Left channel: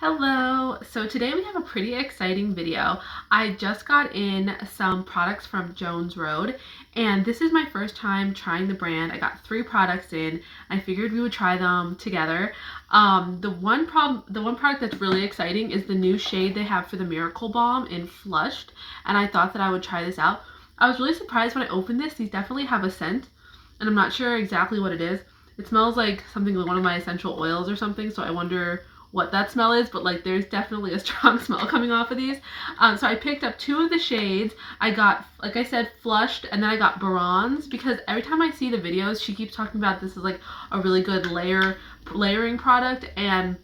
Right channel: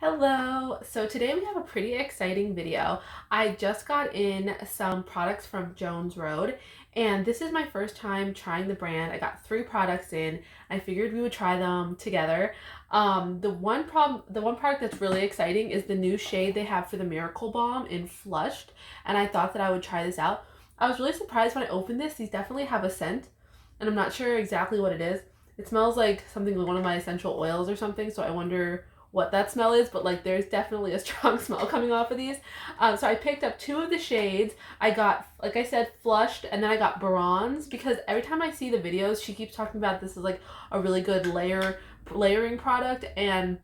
Hello! So today we have a pretty exciting video. I just got in some products from Jones Road and this is my first time trying the brand. I got 3 products in. I figured we would try them together. The one product that's really exciting is the new shade they have for the Miracle Balm in Flushed, and I thought that I would try this out. I was really surprised when I opened this. These definitely have a scent and I'm not sure exactly what it is. It smells like something like one of my essential oils or something, so I wonder what that smell is, but like there's definitely a strong smell coming off of these. So I picked up 2 of the shades. I got, like I said, Flushed, and then I got Bronze, because every time I see the videos she keeps talking about this is like a really good layering product, and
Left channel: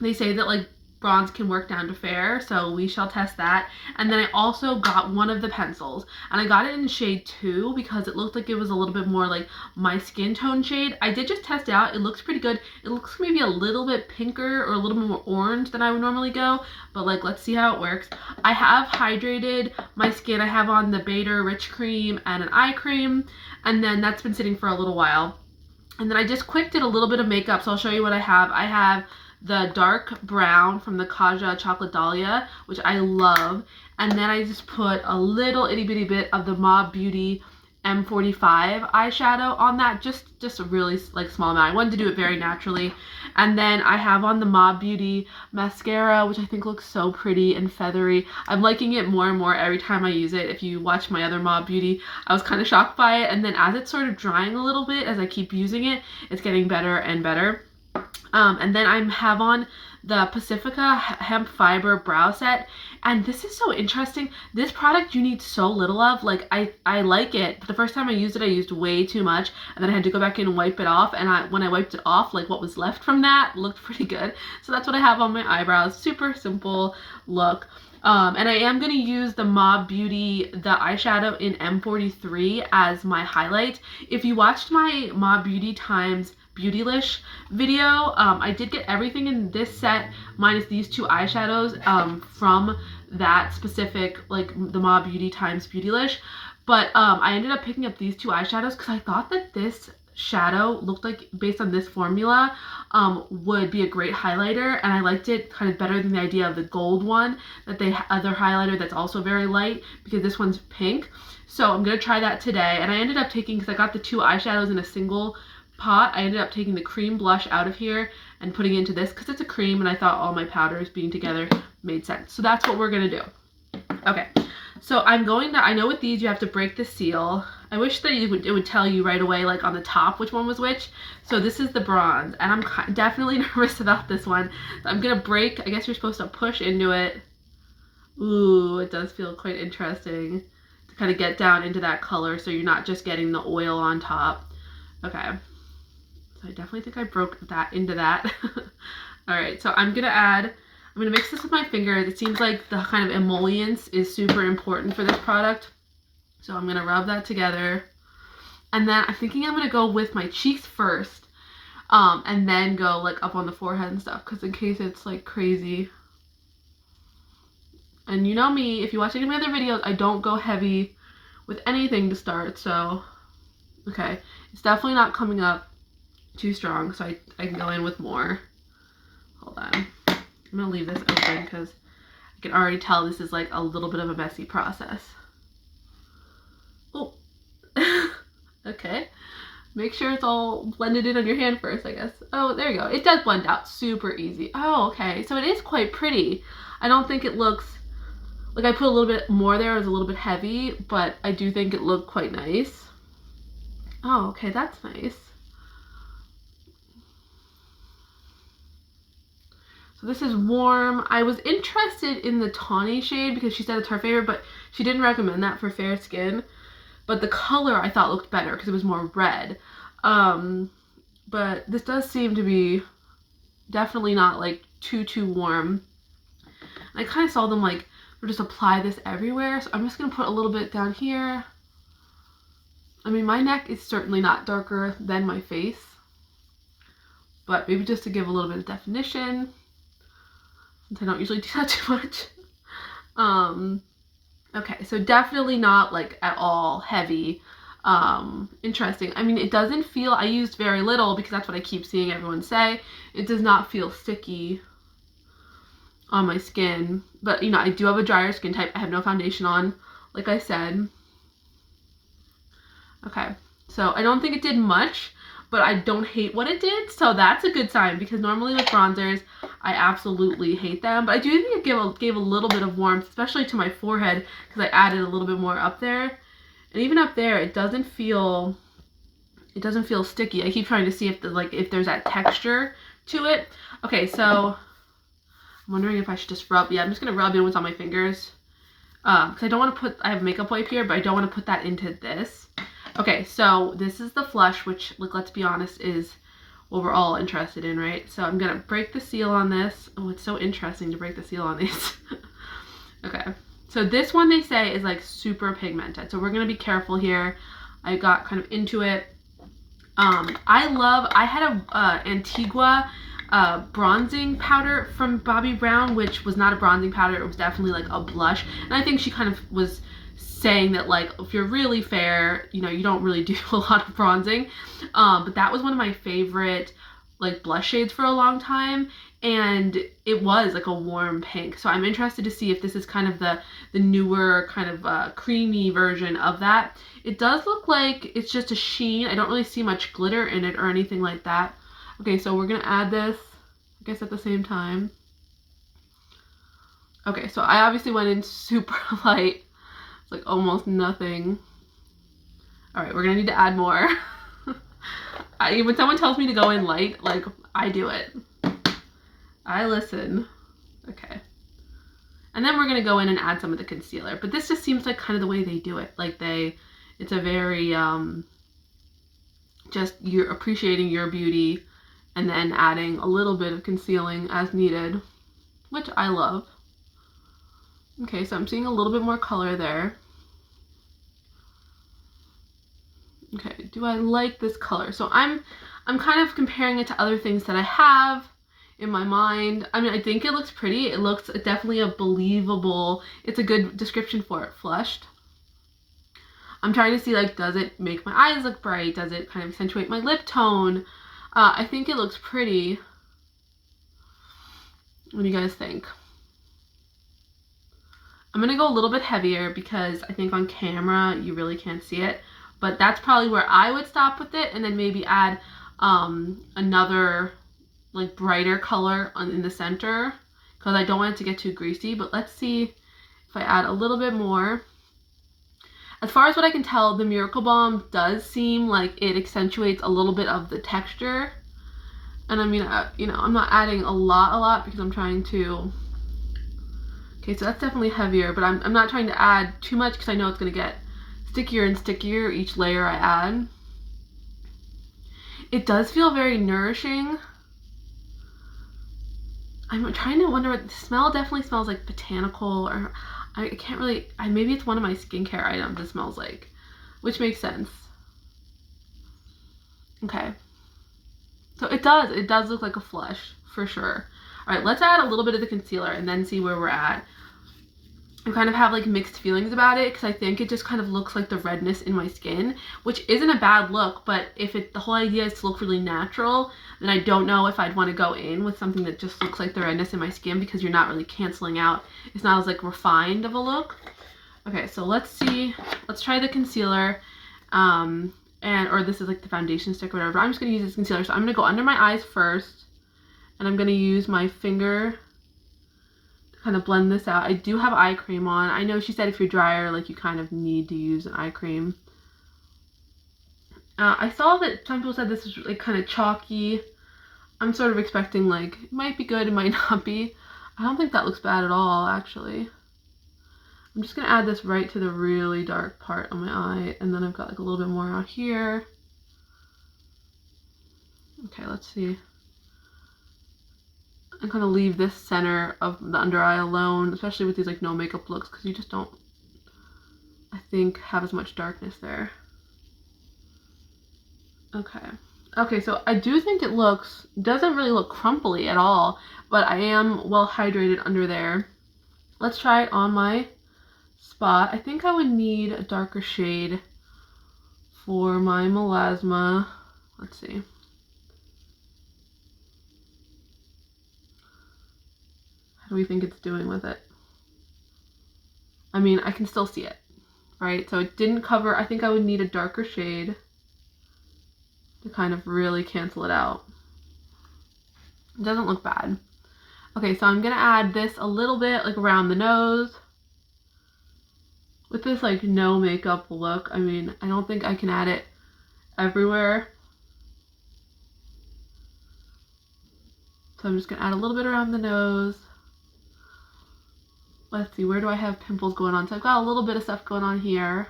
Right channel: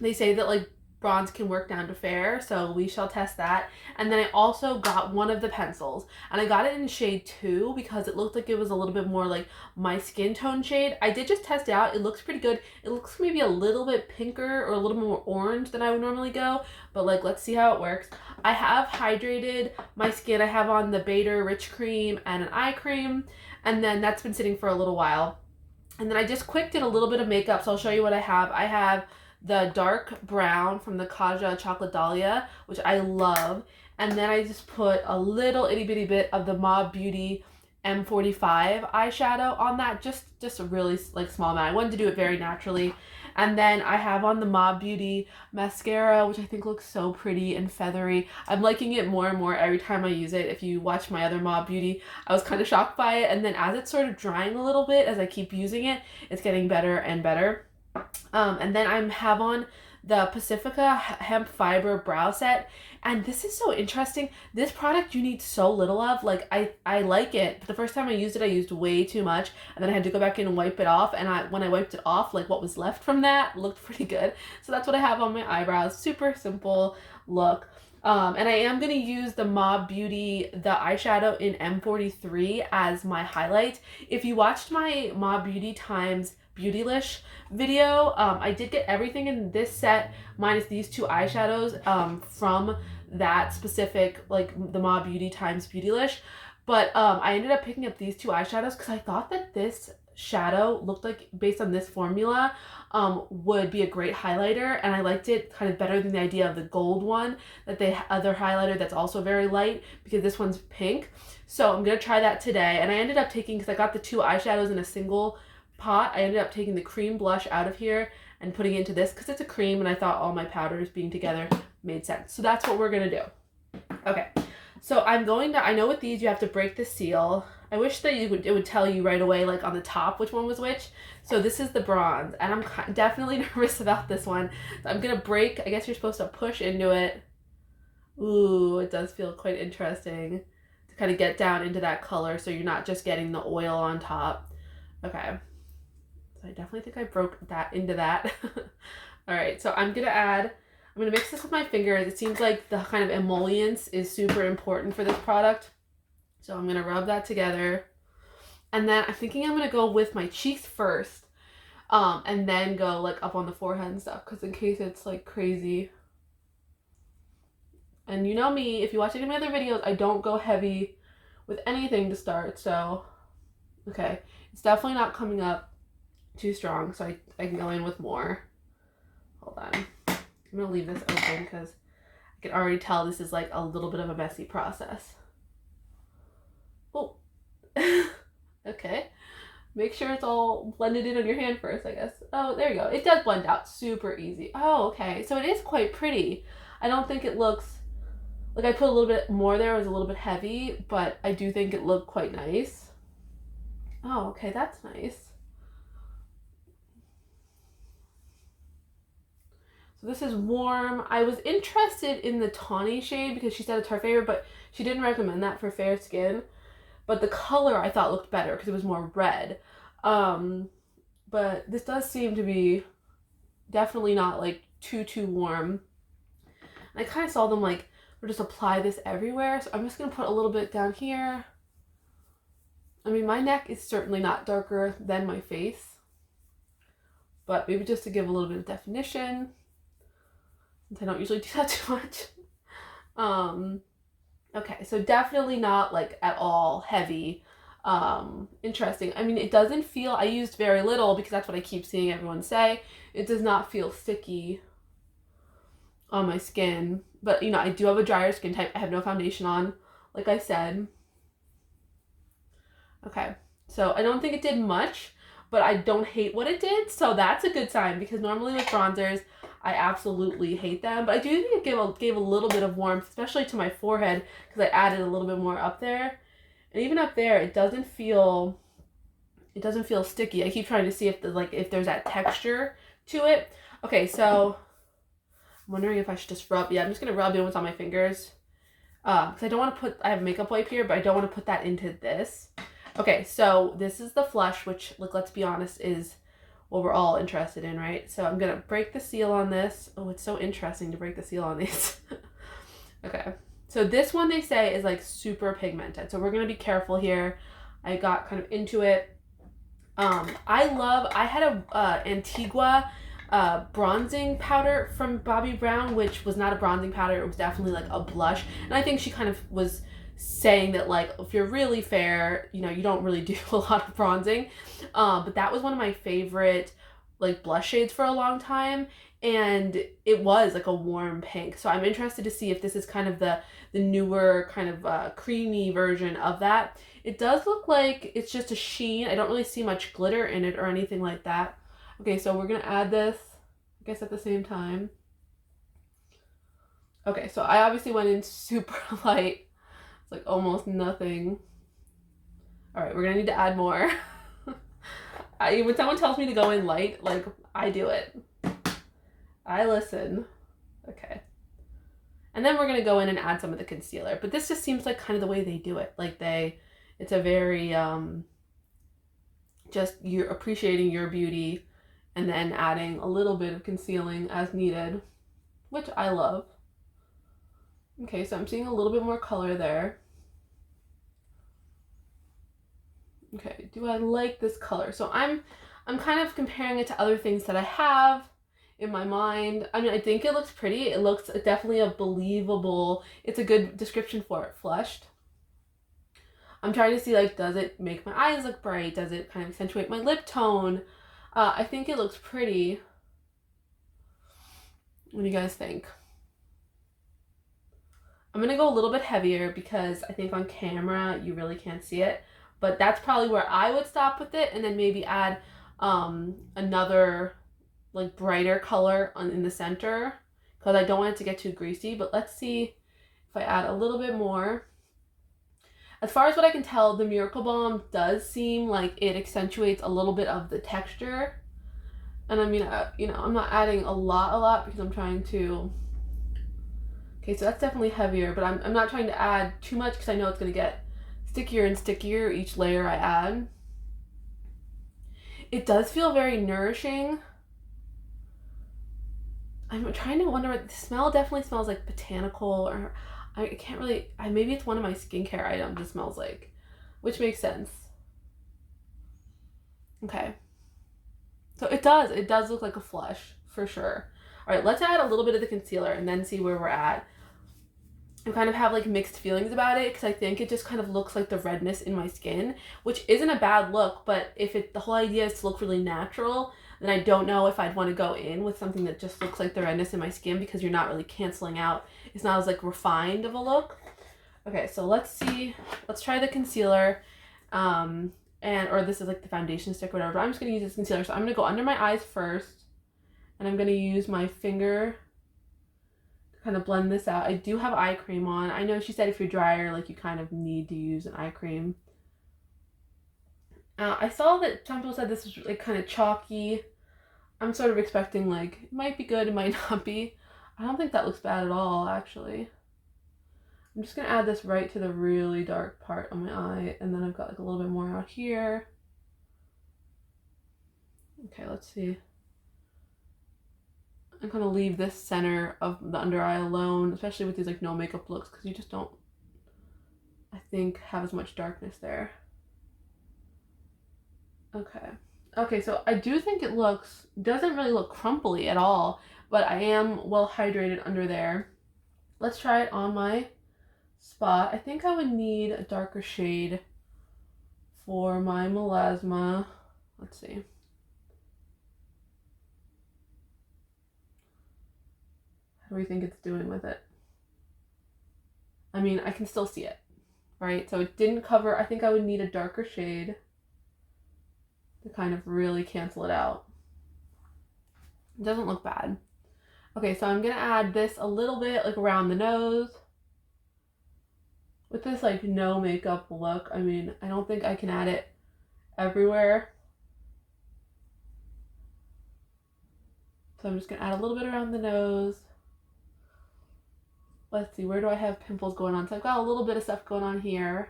they say that like Bronze can work down to fair, so we shall test that. And then I also got one of the pencils, and I got it in shade 2 because it looked like it was a little bit more like my skin tone shade. I did just test it out. It looks pretty good. It looks maybe a little bit pinker or a little more orange than I would normally go, but like let's see how it works. I have hydrated my skin. I have on the Bader Rich Cream and an eye cream, and then that's been sitting for a little while. And then I just quick did a little bit of makeup, so I'll show you what I have. I have the dark brown from the Kaja Chocolate Dahlia, which I love. And then I just put a little itty bitty bit of the Mob Beauty M45 eyeshadow on that, just a really like small amount. I wanted to do it very naturally. And then I have on the Mob Beauty mascara, which I think looks so pretty and feathery. I'm liking it more and more every time I use it. If you watch my other Mob Beauty, I was kind of shocked by it, and then as it's sort of drying a little bit as I keep using it, it's getting better and better. And then I have on the Pacifica Hemp Fiber Brow Set, and this is so interesting. This product you need so little of. Like I like it, but the first time I used it, I used way too much, and then I had to go back in and wipe it off, and when I wiped it off, like what was left from that looked pretty good. So that's what I have on my eyebrows. Super simple look. And I am going to use the Mob Beauty, the eyeshadow in M43 as my highlight. If you watched my Mob Beauty times Beautylish video, I did get everything in this set minus these 2 eyeshadows from that specific, like the Mob Beauty times Beautylish. But I ended up picking up these 2 eyeshadows because I thought that this shadow looked like, based on this formula, would be a great highlighter, and I liked it kind of better than the idea of the gold one that they other highlighter that's also very light, because this one's pink. So I'm gonna try that today. And I ended up taking, because I got the 2 eyeshadows in a single pot, I ended up taking the cream blush out of here and putting it into this because it's a cream, and I thought all my powders being together made sense. So that's what we're gonna do. Okay, so I know with these you have to break the seal. I wish that it would tell you right away, like on the top, which one was which. So this is the Bronze, and I'm definitely nervous about this one. So I'm gonna break, I guess you're supposed to push into it. Ooh, it does feel quite interesting to kind of get down into that color, so you're not just getting the oil on top. Okay, so I definitely think I broke that into that. All right, so I'm gonna mix this with my fingers. It seems like the kind of emollients is super important for this product. So I'm gonna rub that together. And then I'm thinking I'm gonna go with my cheeks first, and then go like up on the forehead and stuff, because in case it's like crazy. And you know me, if you watch any of my other videos, I don't go heavy with anything to start, so okay. It's definitely not coming up too strong, so I can go in with more. Hold on. I'm gonna leave this open because I can already tell this is like a little bit of a messy process. Oh, okay. Make sure it's all blended in on your hand first, I guess. Oh, there you go. It does blend out super easy. Oh, okay. So it is quite pretty. I don't think it looks, like I put a little bit more there, it was a little bit heavy, but I do think it looked quite nice. Oh, okay, that's nice. So this is warm. I was interested in the tawny shade because she said it's her favorite, but she didn't recommend that for fair skin. But the color I thought looked better because it was more red. But this does seem to be definitely not like too warm. And I kind of saw them like, or just apply this everywhere. So I'm just gonna put a little bit down here. I mean, my neck is certainly not darker than my face, but maybe just to give a little bit of definition, since I don't usually do that too much. Okay, so definitely not like at all heavy. Interesting. I mean, it doesn't feel, I used very little because that's what I keep seeing everyone say. It does not feel sticky. on my skin. But, you know, I do have a drier skin type. I have no foundation on, like I said. Okay, so I don't think it did much, but I don't hate what it did, so that's a good sign, because normally with bronzers, I absolutely hate them, but I do think it gave a little bit of warmth, especially to my forehead, because I added a little bit more up there. And even up there, it doesn't feel sticky. I keep trying to see if there's that texture to it. Okay, so I'm wondering if I should just rub. Yeah, I'm just gonna rub in what's on my fingers, because I don't want to put. I have a makeup wipe here, but I don't want to put that into this. Okay, so this is the flush, which, like, let's be honest, is what we're all interested in, right? So I'm gonna break the seal on this. Oh, it's so interesting to break the seal on these. Okay, so this one they say is like super pigmented, so we're gonna be careful here. I got kind of into it. I had a Antigua bronzing powder from Bobbi Brown, which was not a bronzing powder. It was definitely like a blush, and I think she kind of was saying that, like, if you're really fair, you know, you don't really do a lot of bronzing. But that was one of my favorite, like, blush shades for a long time, and it was like a warm pink. So I'm interested to see if this is kind of the newer kind of creamy version of that. It does look like it's just a sheen. I don't really see much glitter in it or anything like that. Okay, so we're gonna add this, I guess, at the same time. Okay, so I obviously went in super light. It's like almost nothing. All right, we're gonna need to add more. When someone tells me to go in light, like, I do it. I listen. Okay. And then we're gonna go in and add some of the concealer. But this just seems like kind of the way they do it. Like, it's a very, just you're appreciating your beauty and then adding a little bit of concealing as needed, which I love. Okay, so I'm seeing a little bit more color there. Okay, do I like this color? So I'm kind of comparing it to other things that I have in my mind. I mean, I think it looks pretty. It looks definitely a believable, it's a good description for it, flushed. I'm trying to see, like, does it make my eyes look bright? Does it kind of accentuate my lip tone? I think it looks pretty. What do you guys think? I'm gonna go a little bit heavier because I think on camera you really can't see it, but that's probably where I would stop with it, and then maybe add another, like, brighter color in the center, because I don't want it to get too greasy. But let's see if I add a little bit more. As far as what I can tell, the Miracle Balm does seem like it accentuates a little bit of the texture. And I mean, you know, I'm not adding a lot because I'm trying to... Okay, so that's definitely heavier, but I'm not trying to add too much because I know it's going to get stickier and stickier each layer I add. It does feel very nourishing. I'm trying to wonder what the smell definitely smells like, botanical, or I can't really, maybe it's one of my skincare items it smells like, which makes sense. Okay. So it does look like a flush for sure. All right, let's add a little bit of the concealer and then see where we're at. I kind of have, like, mixed feelings about it because I think it just kind of looks like the redness in my skin, which isn't a bad look, but if the whole idea is to look really natural, then I don't know if I'd want to go in with something that just looks like the redness in my skin, because you're not really canceling out. It's not as, like, refined of a look. Okay, so let's see. Let's try the concealer. Or this is like the foundation stick or whatever. But I'm just going to use this concealer. So I'm going to go under my eyes first, and I'm going to use my finger kind of blend this out. I do have eye cream on. I know she said if you're drier, like, you kind of need to use an eye cream. I saw that some people said this was, like, kind of chalky. I'm sort of expecting, like, it might be good, it might not be. I don't think that looks bad at all, actually. I'm just going to add this right to the really dark part on my eye, and then I've got, like, a little bit more out here. Okay, let's see. I'm gonna leave this center of the under eye alone, especially with these, like, no makeup looks, because you just don't, I think, have as much darkness there. Okay, so I do think it doesn't really look crumply at all, but I am well hydrated under there. Let's try it on my spot. I think I would need a darker shade for my melasma. Let's see. How do we think it's doing with it? I mean, I can still see it, right? So it didn't cover. I think I would need a darker shade to kind of really cancel it out. It doesn't look bad. Okay, so I'm gonna add this a little bit like around the nose. With this like no makeup look, I mean, I don't think I can add it everywhere. So I'm just gonna add a little bit around the nose. Let's see, where do I have pimples going on? So I've got a little bit of stuff going on here.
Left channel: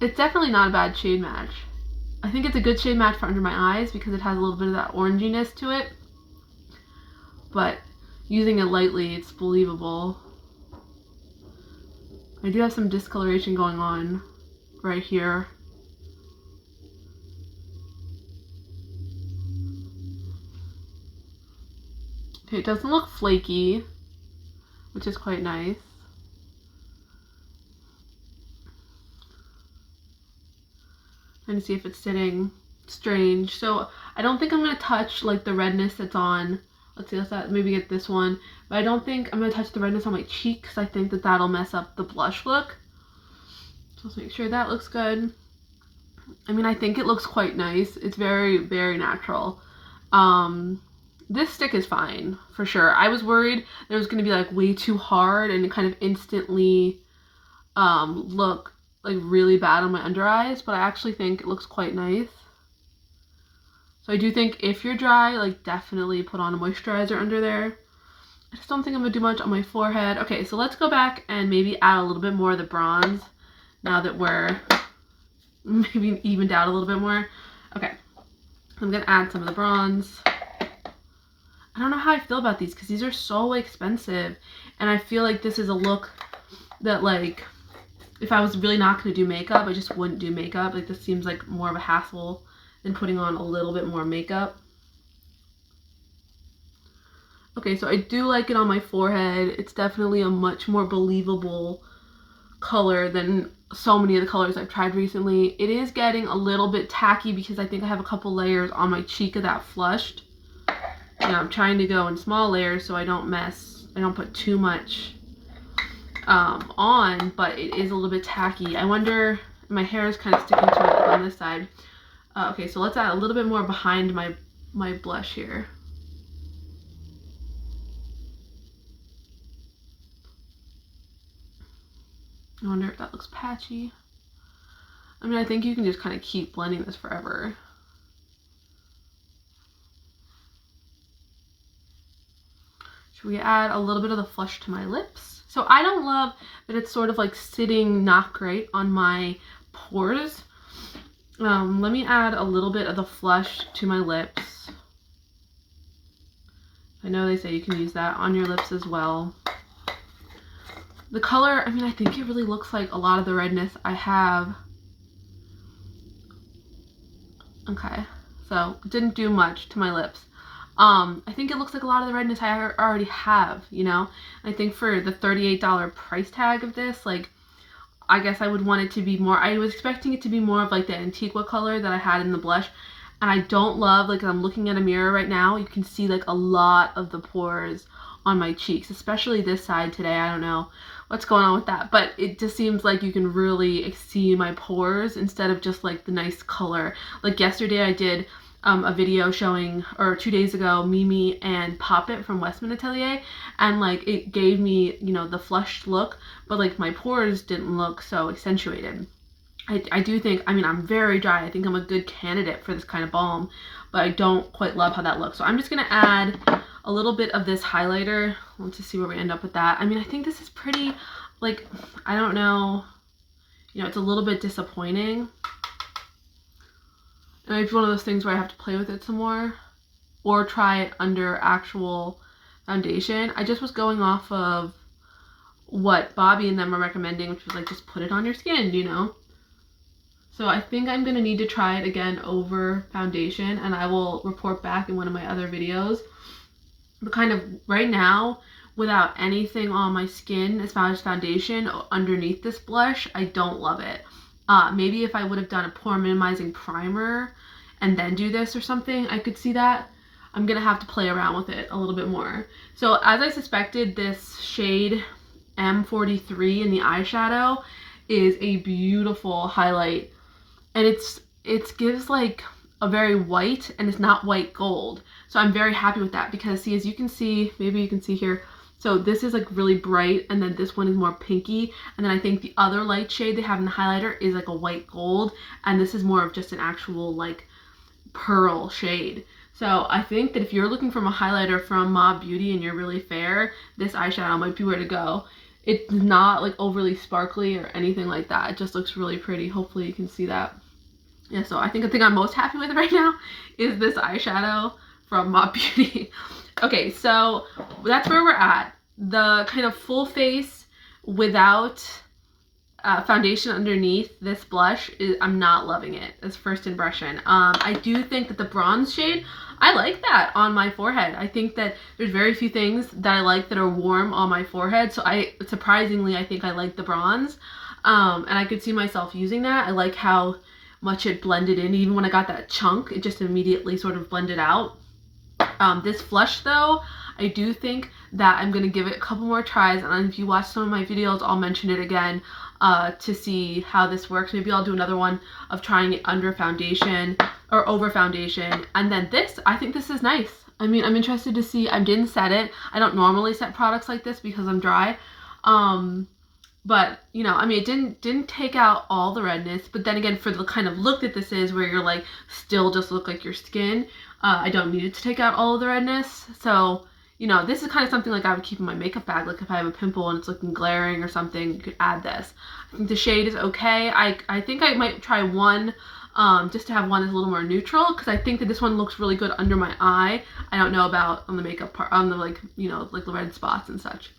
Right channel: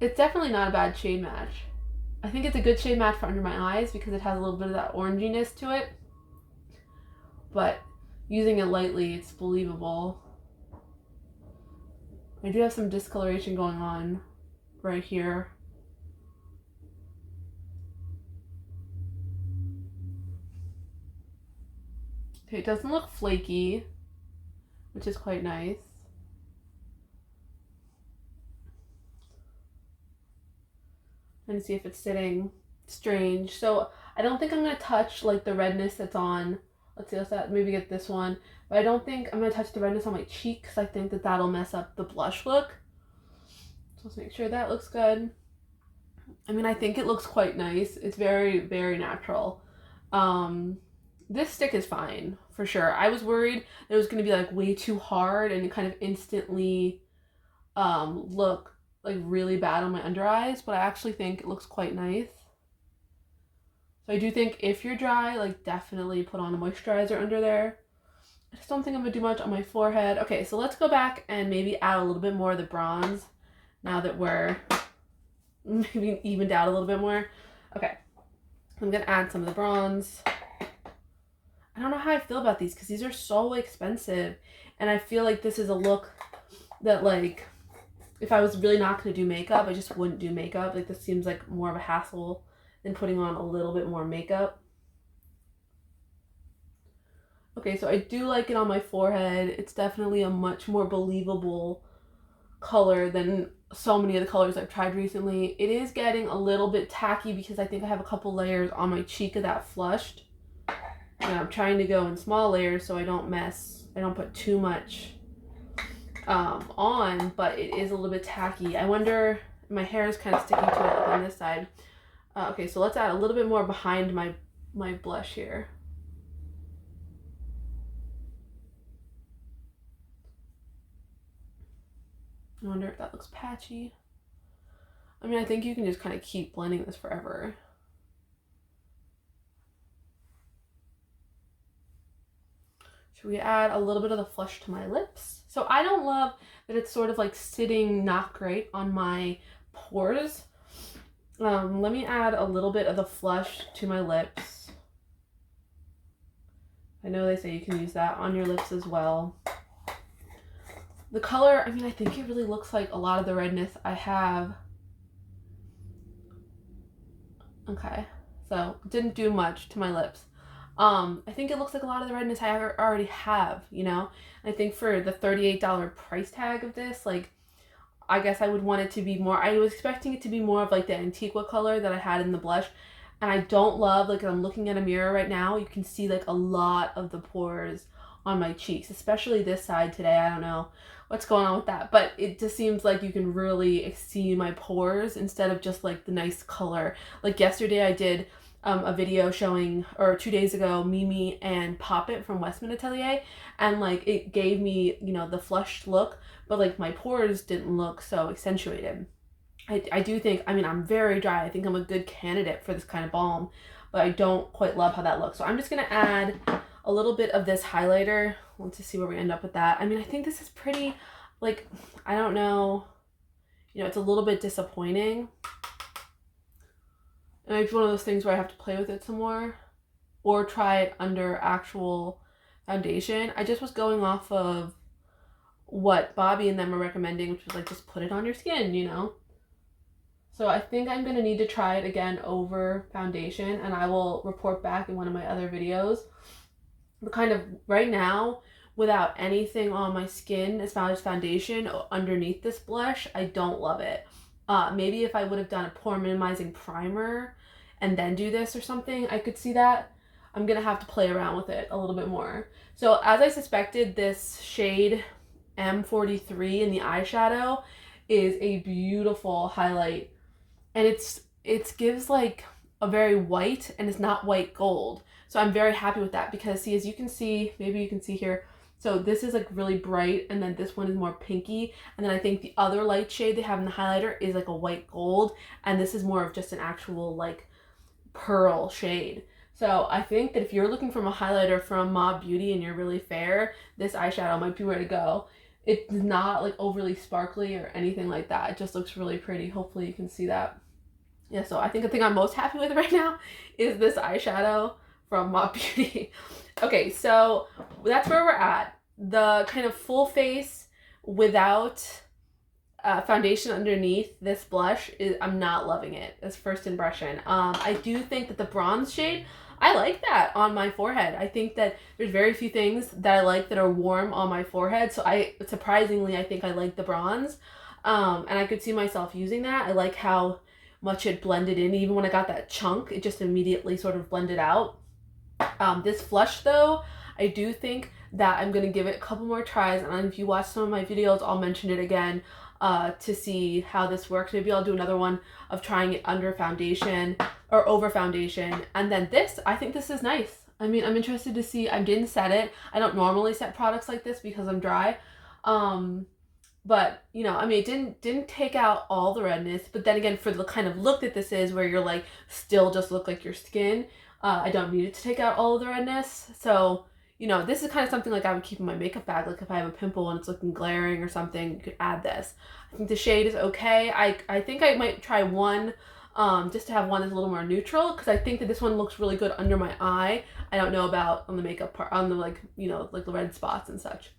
It's definitely not a bad shade match. I think it's a good shade match for under my eyes because it has a little bit of that oranginess to it. But using it lightly, it's believable. I do have some discoloration going on right here. Okay, it doesn't look flaky, which is quite nice. Trying to see if it's sitting strange. So I don't think I'm going to touch like the redness that's on, let's see, let's maybe get this one. But I don't think I'm going to touch the redness on my cheek because I think that that'll mess up the blush look. So let's make sure that looks good. I mean, I think it looks quite nice. It's very, very natural. This stick is fine for sure. I was worried that it was going to be like way too hard and kind of instantly look like really bad on my under eyes, but I actually think it looks quite nice. So I do think if you're dry, like definitely put on a moisturizer under there. I just don't think I'm gonna do much on my forehead. Okay, so let's go back and maybe add a little bit more of the bronze now that we're maybe evened out a little bit more. Okay, I'm gonna add some of the bronze. I don't know how I feel about these because these are so expensive, and I feel like this is a look that like if I was really not going to do makeup, I just wouldn't do makeup. Like this seems like more of a hassle than putting on a little bit more makeup. Okay, so I do like it on my forehead. It's definitely a much more believable color than so many of the colors I've tried recently. It is getting a little bit tacky because I think I have a couple layers on my cheek of that flushed. And I'm trying to go in small layers so I don't put too much on, but it is a little bit tacky. I wonder, my hair is kind of sticking to it on this side. Okay, so let's add a little bit more behind my blush here. I wonder if that looks patchy. I mean, I think you can just kind of keep blending this forever. Should we add a little bit of the flush to my lips? So I don't love that it's sort of like sitting not great on my pores. Let me add a little bit of the flush to my lips. I know they say you can use that on your lips as well. The color, I mean, I think it really looks like a lot of the redness I have. Okay, so didn't do much to my lips. I think it looks like a lot of the redness I already have, you know? I think for the $38 price tag of this, like, I guess I would want it to be more, I was expecting it to be more of like the Antiqua color that I had in the blush. And I don't love, like, I'm looking at a mirror right now, you can see like a lot of the pores on my cheeks, especially this side today. I don't know what's going on with that, but it just seems like you can really see my pores instead of just like the nice color. Like yesterday I did a video showing, or 2 days ago, Mimi and Poppet from Westman Atelier, and like it gave me, you know, the flushed look, but like my pores didn't look so accentuated. I do think, I mean, I'm very dry. I think I'm a good candidate for this kind of balm, but I don't quite love how that looks. So I'm just gonna add a little bit of this highlighter. Let's just see where we end up with that. I mean, I think this is pretty, like, I don't know, you know, it's a little bit disappointing. And it's one of those things where I have to play with it some more or try it under actual foundation. I just was going off of what Bobby and them are recommending, which was like, just put it on your skin, you know? So I think I'm going to need to try it again over foundation, and I will report back in one of my other videos. But kind of right now, without anything on my skin as far as foundation underneath this blush, I don't love it. Maybe if I would have done a pore minimizing primer and then do this or something. I could see that. I'm gonna have to play around with it a little bit more. So as I suspected, this shade M43 in the eyeshadow is a beautiful highlight, and it gives like a very white, and it's not white gold. So I'm very happy with that because see, as you can see, maybe you can see here, so this is like really bright, and then this one is more pinky, and then I think the other light shade they have in the highlighter is like a white gold, and this is more of just an actual like pearl shade. So I think that if you're looking for a highlighter from Mob Beauty and you're really fair, this eyeshadow might be where to go. It's not like overly sparkly or anything like that. It just looks really pretty. Hopefully you can see that. Yeah, so I think the thing I'm most happy with right now is this eyeshadow from Mob Beauty. Okay, so that's where we're at. The kind of full face without foundation underneath this blush is, I'm not loving it as first impression. I do think that the bronze shade, I like that on my forehead. I think that there's very few things that I like that are warm on my forehead, so surprisingly I think I like the bronze, and I could see myself using that. I like how much it blended in. Even when I got that chunk, it just immediately sort of blended out. This flush though, I do think that I'm gonna give it a couple more tries, and if you watch some of my videos, I'll mention it again to see how this works. Maybe I'll do another one of trying it under foundation or over foundation. And then this, I think this is nice. I mean, I'm interested to see. I didn't set it. I don't normally set products like this because I'm dry. But you know, I mean, it didn't take out all the redness, but then again, for the kind of look that this is, where you're like still just look like your skin, I don't need it to take out all of the redness. So you know, this is kind of something like I would keep in my makeup bag. Like if I have a pimple and it's looking glaring or something, you could add this. I think the shade is okay. I think I might try one just to have one that's a little more neutral, because I think that this one looks really good under my eye. I don't know about on the makeup part, on the like, you know, like the red spots and such.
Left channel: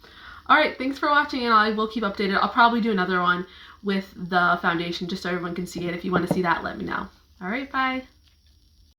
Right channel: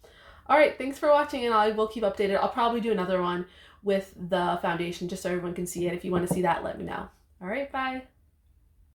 All right, thanks for watching, and I will keep updated. I'll probably do another one with the foundation just so everyone can see it. If you want to see that, let me know. All right, bye.